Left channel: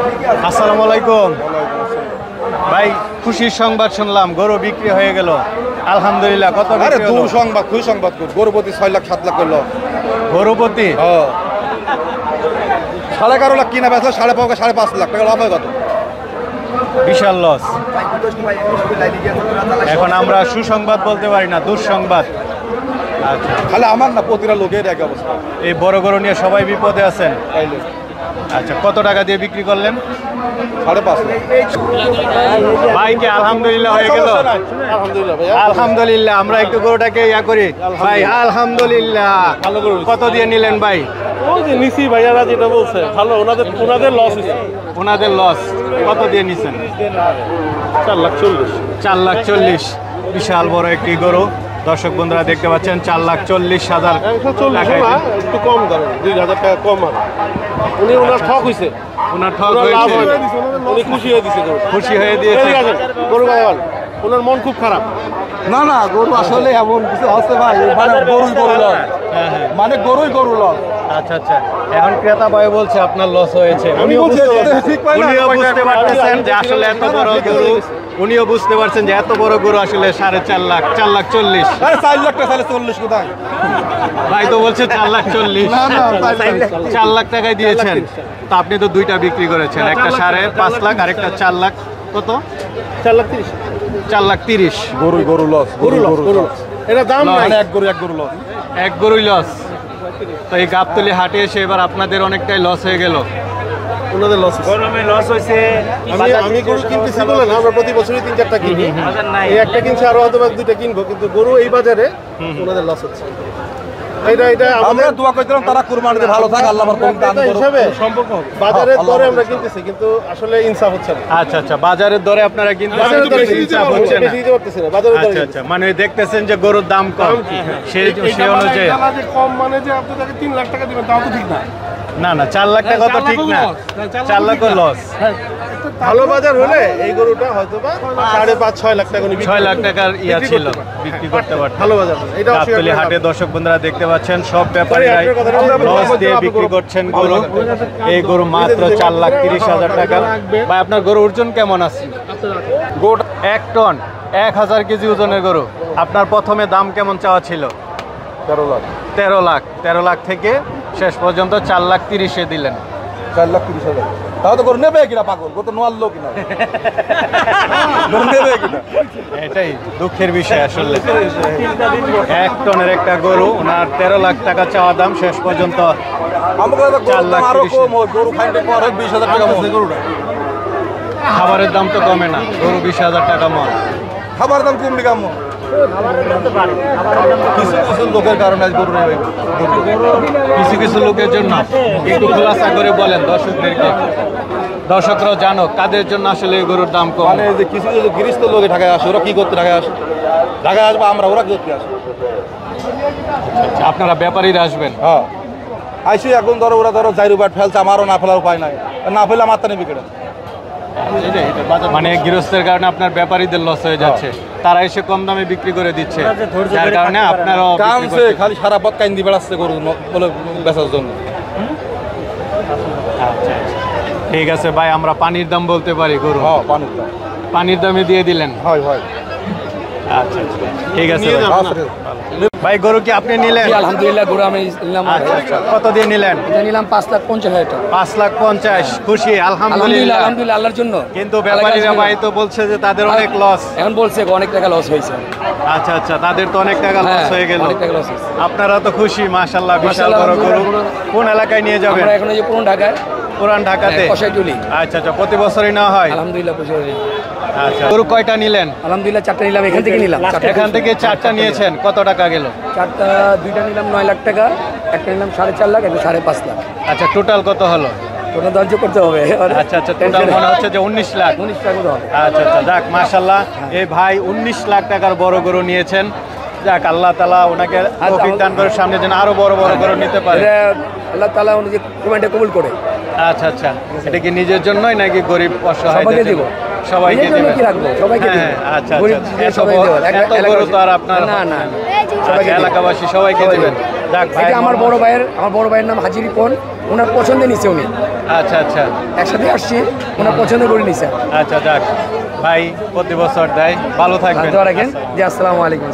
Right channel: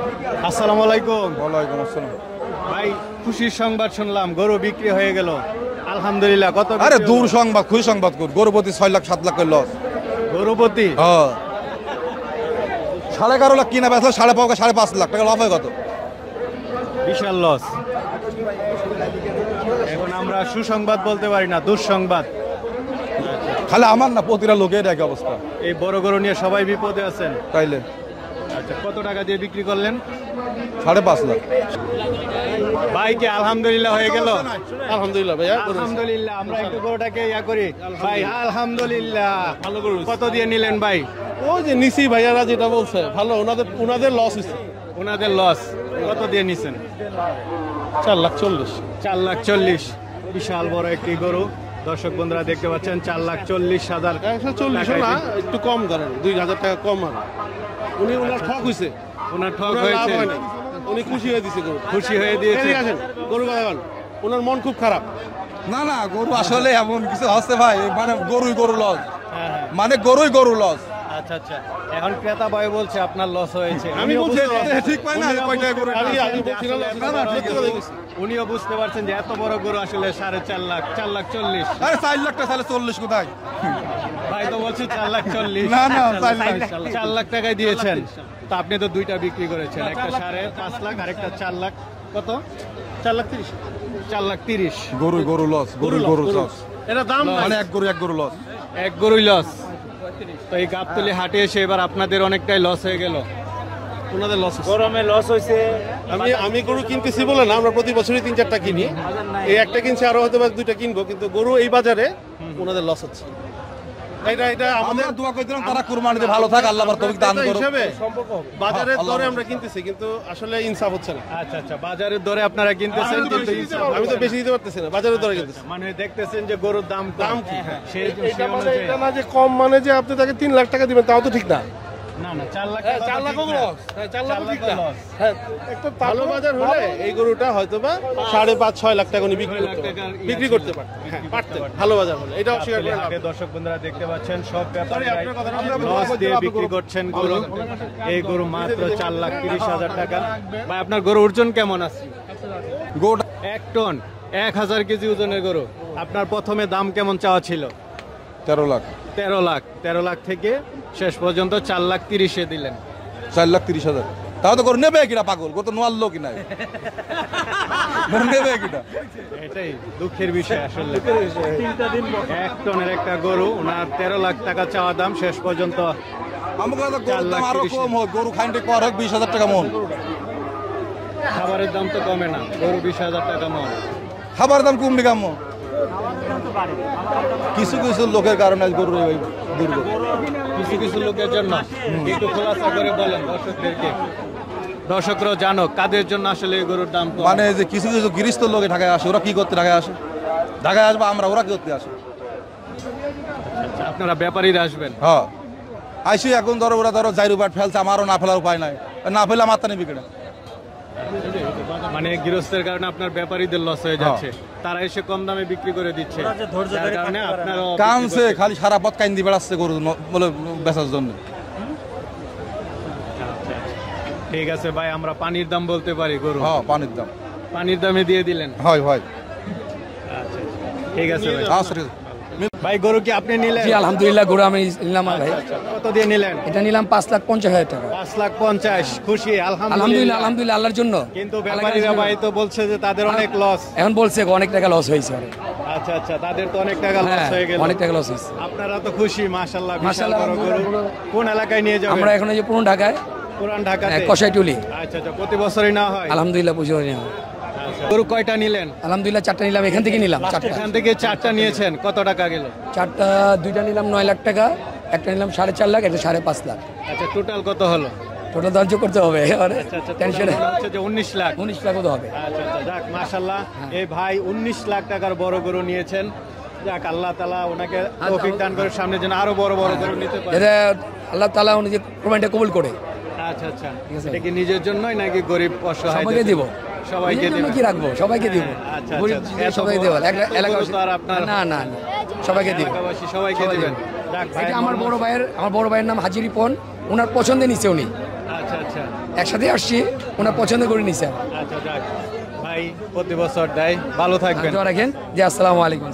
আসসালামু আলাইকুম ভাই, খুশির সংবাদ শুনলাম, গরু বিক্রি হয়ে গেল আলহামদুলিল্লাহ। কত বিক্রি হলো? দূর সংবাদ, খুশি সংবাদ। গরুপতি 6 লাখ 7 লাখ করলো। গরুপতি 11.5 লাখ কিনা বেচা, 5.5 লাখ টাকা লাভ হয়। কত বিশাল লস। এখন আমরা সুসংবাদ বলতে পারি না, দুঃসংবাদ। আচ্ছা, খালি আমার না, প্রতিটা লোকের এক অবস্থা। এই বড় গরু নিয়ে সবাই বিপদে আছেন। আচ্ছা, কত টাকা দিয়ে বিক্রি করলেন? 5.5 লাখ। ভাইকে আলহামদুলিল্লাহ হয়ে গেল। আলহামদুলিল্লাহ। আমরা একটু গরুটাকে ইয়া করি ভাই। আলহামদুলিল্লাহ। কত দিয়ে নিলেন ভাই? নিছি ভাইয়ারা যেটা বলছে ভালো, ওনাদের লস হয়েছে। ওনাদের লস। কত দিয়ে নিছেন? 4,40,000। 4,40,000। বিশাল বড় একটি গরু। দর্শক বন্ধুরা দেখতে পাচ্ছেন 4,40,000 একটু কম ধরেন, 2,000 টাকা কম। আর ওনার ঠক হয়েছে, ওনার ঠক লাভ হয়েছে। হয়। উনি খুশি হয়ে দিছে, খুশি হয়ে দিয়েছে। গরু বাগান ওনার মন খুব খারাপ। না না, গরু আসলে এমন কিছু হচ্ছে ভাই, মানে গরুই গরু লস। হ্যাঁ হ্যাঁ, মানে গরুই গরু লস। আচ্ছা আচ্ছা। এখন ক্রেতা ভাই বলছে আপনার লস হয়েছে। উনিও বুঝতে পারতেছেন যে আসলে এত বড় গরু, উনিও বুঝতে পারছেন যে এত বড় গরু আসলে 4.5 লাখ, 4,40,000। আরে 4 লাখ টাকা, 40 কোথায়? ভাই তো বলছে 4,40,000। না না, 4 লাখ টাকায় দিয়েছেন। তো আপনি তো দুইটা বিক্রি করেছেন, একটা 5.5 লাখ আর একটা 4 লাখ। কত? 4,30,000। 4,30,000। গরুই গরু লস। গরু লস। এটা দাম নাই। মানে এক গরু লস। এক গরুই লস। তো এই গাবতলী হাটে এসে এবার আপনাদের অনেকটাই লস হয়ে গেল। ওনাদের লস, গরমে লস হয়েছে। আমি গরু কিনতেছি বলে না, আমরা প্রতি বছরই 3-4টা কিনি। এই একটা কিনছি, আরো হয়তো 2টা কিনবো, কিন্তু গরু এই বাজারে ওনাদের লস হচ্ছে। এটা আমরা দোয়া করতেলাম তারা কুরবানিতে ভালো থাকে, আল্লাহ পাক তৌফিক দান করুক। হিসাবে বাজারের দরে আমরা কিনতেছি, কিন্তু আসলে ইনসাফ হচ্ছে না। আচ্ছা আচ্ছা, বাজারের দরে আপনারা কিনতে বেশি দিতে পারতেছি না বাজারের দরে। আচ্ছা, মানে দেখতেছেন যে গরুর দাম কম, সেই অনুযায়ী। কম মানে যে আপনি তাকে 3 লাখ টাকা দিবেন, তাও তো ঠিক না। না না, 4 লাখ টাকা তো ঠিক না। 4 লাখ লস। ভালো বাজার হলে এই গরুটা হয়তো বা 5.5-6 লাখ টাকা 6 লাখ টাকার ইয়া ছিল, বিক্রি করতে পারত। ভালো বাজার এটা গাবতলী হাটে দর্শক বন্ধুরা দেখতে পাচ্ছেন সব ব্যাপারীরাই লস দিয়ে বিক্রি করছেন গরু। এই গরু মাত্র 4,30,000 টাকা। ভাই, আপনার গরু ওজন কেমন আছে? গোট 1 টন, 1000 কেজি ওজনের গরু। আপনার প্রথমে দাম কেমন চাওয়া ছিল? 13 লাখ। 13 লাখ। 13 লাখ থেকে শেষ পর্যন্ত 4,30,000 দিলেন। 4,30,000। তাহলে তো গরু নেবে কিনা? পাগল গরু তো নোয়ার লোক কিনা, গরু নেবে কিনা? এটাই দুঃখের বিষয় আসলে। 1 টনের একটা গরু, ওনার 13 লাখ টাকা চাওয়া দাম, শেষ পর্যন্ত আমাকে তো 4,30,000। কম হয়, গরু খাইতে পর 20,000 টাকা মন গরুটা। খাবারের দাম তো কমে না, গরু 20,000 টাকা মন। খাবার দাম কমবে কেমন? কিছু কিছু লোকের কারণে আজ গরু নেই ভাই। কিছু কিছু লোকের জন্য একটু খোলাসা করে বলেন দর্শকদেরকে, দর্শকরাও জানো কাদের জন্য আসলে এই গরুর দাম কম। মানে যে কিছু কিছু গৃহস্থ লোকে ঢাকায় আসে, ওরা কি করতে ঢাকায় আসে? ঢাকায় আসবো আমরা, ওরা কি করতে আসে? আপনারা ব্যাপারীরা আসবেন। হ্যাঁ, আইসি এখন ধরো ওরা ধরো জাইরু ব্যাট ফেলছে, আমারও না ফেলার উপায় নাই। না ফেলে আমার তা নেবে কেটে। মানে গৃহস্থের কারণে আপনার ব্যাপারীদের লস হয়ে যাচ্ছে, তারা এসে কম দামে বিক্রি করে দিচ্ছে, যার কারণে আপনারও কানছে খালি সারা পথ কাইন্দি বেড়াচ্ছে গরু বলে বেচার জন্য। আচ্ছা, ঠিক আছে ভাই, আমরা পানির দাম বলতে পারি গরু? হ্যাঁ, পানির দাম। পানির দামে দিয়ে দিলেন। হয় হয়। আচ্ছা আচ্ছা, ঠিক আছে ভাই। গরু কি আপনি নিলেন? আলহামদুলিল্লাহ, গরু আমি নিলাম। আচ্ছা আচ্ছা, কত দিয়ে নিলেন? এটা নিলাম 5,50,000 টাকা। 5,50,000। খুশি? আলহামদুলিল্লাহ, আলহামদুলিল্লাহ আল্লাহর জন্য। কিন্তু ব্যাপারীরা ভাই তো বলছে যে তাদের অনেক লস। এখন বলছে অনেক টাকা লস হয়েছে। আচ্ছা আচ্ছা, তাদের তো অনেক টাকা লস হয়ে গেল। অনেক টাকা লস হয়েছে। আপনারা তো খুশি? মাশাআল্লাহ, বিশাল বড় গরু। কোন এলাকায় নিয়ে যাবেন? আমরা এখন এই যে পুরান ঢাকায়, পুরান ঢাকাতে কসাইটুলি। আচ্ছা আচ্ছা, প্রতি বছরই নেওয়া হয়? আলহামদুলিল্লাহ, প্রচুর। আচ্ছা, গরু কয়টা নিলেন? আলহামদুলিল্লাহ 4টা নিলাম, এখান থেকে নিলাম। এখান থেকে 4টা নিয়েছেন, কত টাকা গেল? 4টা, 2টা নিলাম 9 লাখ টাকা, একটা নিলাম 4.5 লাখ, একটা 5.5 লাখ। আচ্ছা, টোটাল কত হলো? ওটা ধার্য করতে হবে। আচ্ছা আচ্ছা, টোটাল মনে হচ্ছে যে 19 লাখ। 19 লাখ মতো হবে। আচ্ছা আচ্ছা, যাক মাশাআল্লাহ, এই ভাই 19 লাখ টাকার বড় গরু নিয়েছেন। যাক, আল্লাহ তাআলা ওনাকে তৌফিক দান করে সামনে যেন আরো বড় বড় গরু নিতে পারে। আল্লাহ তাআলা উনি কুরবানিটা কবুল করে। আচ্ছা আচ্ছা, এটা কি নিজের জন্যই নাকি গরিব অসহায়দের দিব? সবাইকে দিবেন। কি রাখবো? সবাইকে দিব। আচ্ছা আচ্ছা, এত গরু তো আর আপনার না না, সবাইকে, এলাকাবাসী সবাইকে দিবেন। যাক ভাই, এটা আমার বড় ভাইয়ের নাম হাজি রিপন, ওনার পছন্দে নিচ্ছে উনি। আচ্ছা আচ্ছা একসাথে আসছি, ওনার পছন্দ করে নিছে। আচ্ছা যাক ভাই প্রতি বছর দেয়, ভালো থাকবেন। দোয়া রাখেন জি, আসসালামু আলাইকুম।